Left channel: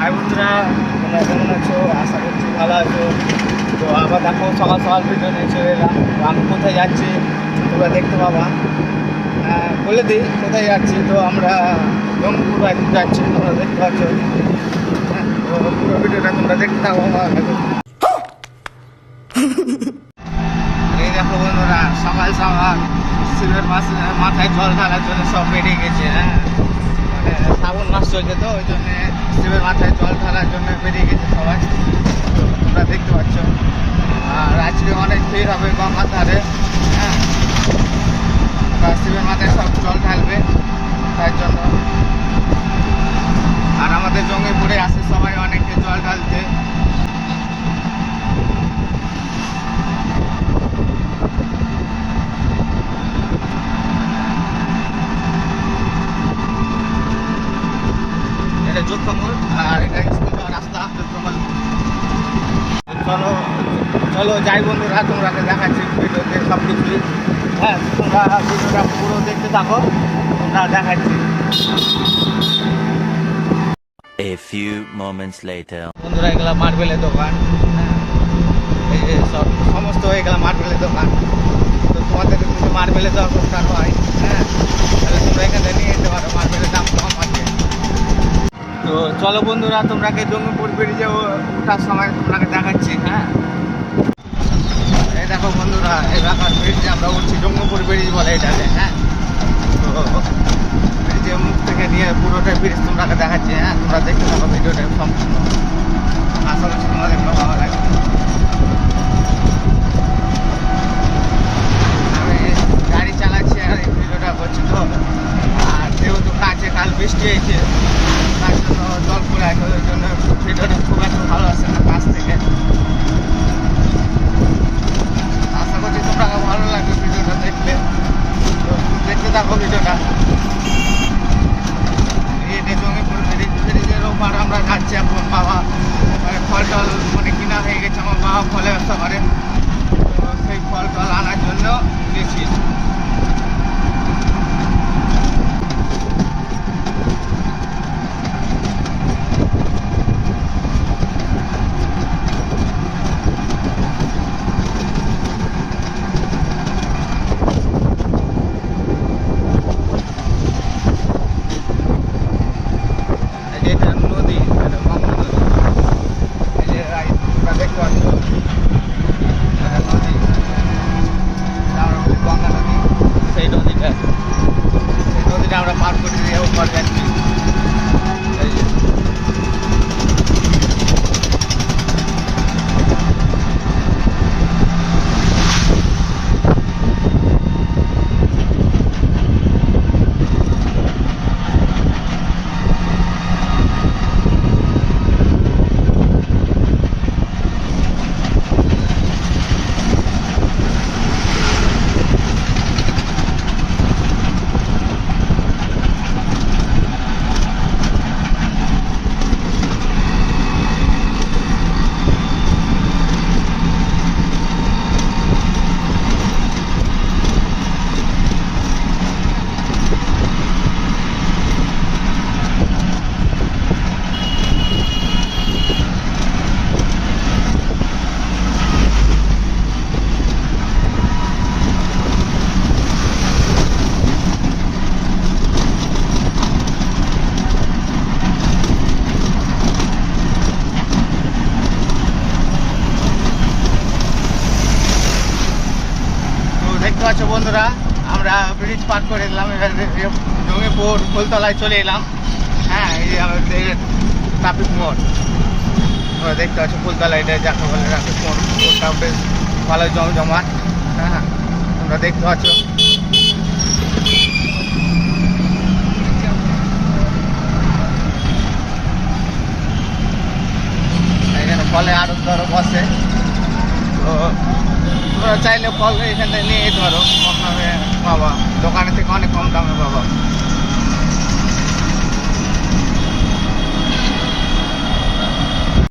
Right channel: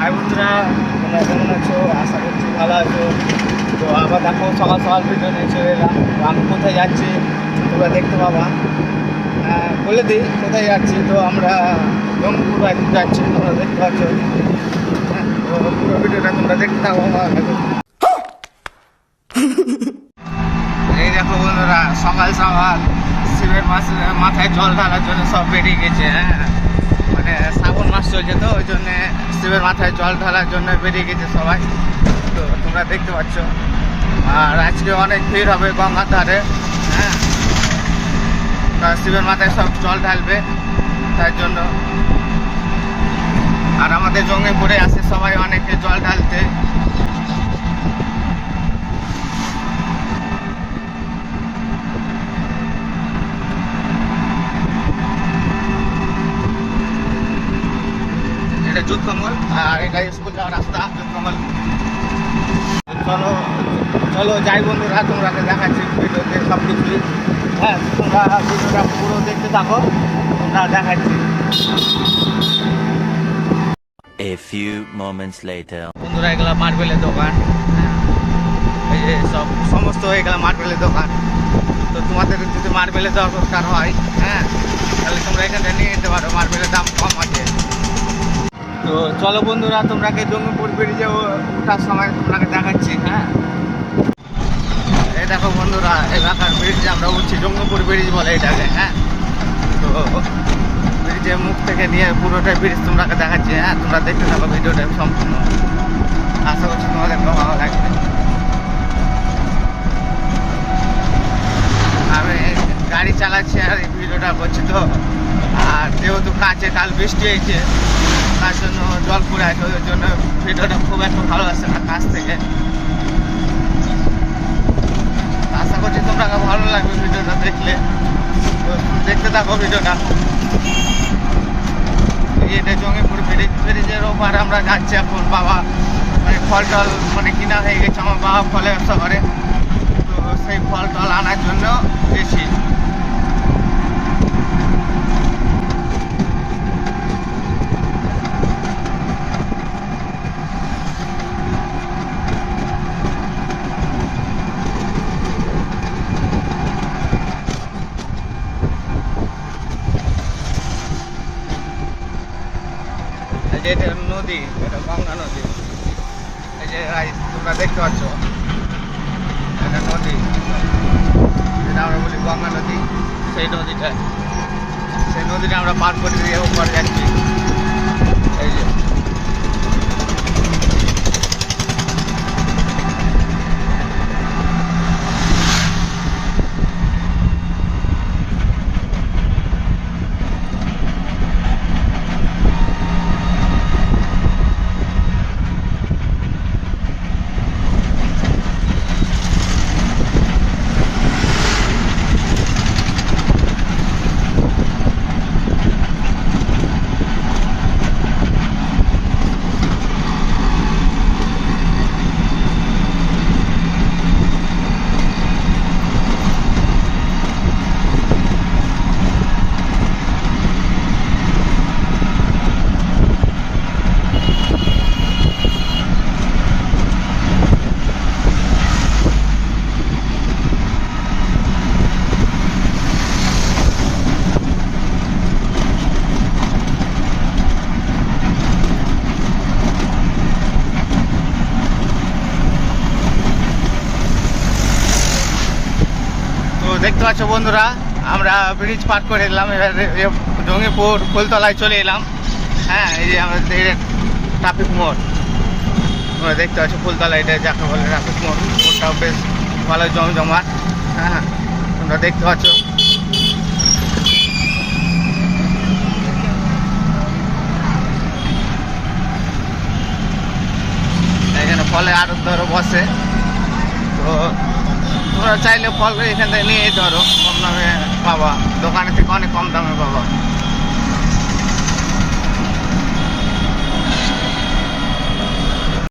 High বন্ধুরা, তোমরা কেমন আছো? আশা করছি ভালো আছো। তো আবার দেখো সকাল সকাল ভিডিও নিয়ে চলে এলাম। তো আমি কোথায় যাচ্ছি তোমরা দেখতে পাবা। বলে দিই কোথায় যাচ্ছি। তো আমরা জঙ্গিপুর একদিন যাচ্ছি, তোমরা দেখতে পাচ্ছ। তো পুরো ভিডিওটা তোমরা দেখতে থাকো। এই দেখো বন্ধুরা, সকাল সকাল শিবের মাথায় জল ঢালার জন্য সব বেরিয়ে গেছে। মানে শ্রাবণ মাস চলছে, তো ওই জন্যে শিবের মাথায় জল ঢালার জন্য বেরিয়ে গেছে সবাই। তো তোমরা দেখতে পাচ্ছ। আর আজকে অনেক ভিড় হবে গঙ্গার ধারে। শিবের মাথায় সব জল ঢালবে তার জন্য। আর আমাদের জঙ্গিপুরে আসে সবাই অনেকে জল ঢালতে। এটা যুদ্ধমূল, আর এটা স্কুল যাওয়ার রাস্তা যুদ্ধমূল। চলো চলো যাই বন্ধুরা, তোমরা দেখাচ্ছি ভিডিওতে সব কিছুই। তোমরা ভিডিওটা পুরো দেখতে থাকো, তোমরা দেখাচ্ছি। A few moments later. বন্ধুরা, এগুলা মার্বেলের দোকান। এই যে সমস্ত এগুলা মার্বেলের দোকান। তো তোমাদের যদি মার্বেলের দরকার হয়, তাহলে তোমরা এখান থেকে নিয়ে যেতে পারো। মার্বেলের দাম কম আছে। তো চলো বন্ধুরা, তোমরাকে জঙ্গিপুর ব্রিজে ওঠার সময় তোমরাকে দেখাচ্ছি। এই দেখো বন্ধুরা, এলাকার ব্রিজে আমরা উঠছি। জঙ্গিপুর ব্রিজ বলে এটাকে। তো ব্রিজের মুখ থেকে নিয়ে পুরোটাই ব্রিজ তোমরাকে দেখাচ্ছি। তোমরা দেখতে থাকো ভিডিওটা সম্পূর্ণ। আশা করছি তোমাদের ভালো লাগবে। আমি গাড়ি চালাচ্ছি আর এই ভিডিওটা করছি। তো আর যেহেতু কাছে কাল বৃষ্টি হয়েছে, তার জন্য জল পড়ে আছে, ওই জন্য ভিডিওটা খুব একটা ভালো আসছে না কাছ থেকে। আশা করছি তোমরা ভালো লাগবে ভিডিওটা দেখলে। তো দেখতে থাকো ভিডিওটা। এটা জঙ্গিপুর ব্রিজের ওপার আমরা যাচ্ছি এখন। বাবা মানে ফল টল মানে কিনা হয়ে গেছে। আমার বাবা ফলে ব্যবসা করে, তো সেই ফল টল আনার জন্য বেশি। এটা নদী, এটা গঙ্গা নদী। এই যে তোমরা দেখতে পাচ্ছ, এটা নদী, যেটা আমরা বলি গঙ্গা নদী। সেই নদীটা আমরা পার করে দিয়ে ওপার যাচ্ছি। এই যে দেখতে পাচ্ছ বন্ধুরা, আমরা ব্রিজ পার করে এলাম। এবার জঙ্গিপুর ফুলতলায় চলে এলাম। এই যে আমাদের ট্রাফিক মোড়। তোমরা দেখতে পাচ্ছ ফুলতলা, এটা যাকে বলে ট্রাফিক মোড়। মোড়টাও বেশ ভালো জমজমাট। তোমরা দেখতে পাচ্ছ। এখানে ফলে আরো ধরো বসে। তো তোমরা চাইলে ফল এখান থেকে নিয়ে যেতে পারো, কম দামে পাবা। দোকানের থেকে অনেক কম দামে পাবা।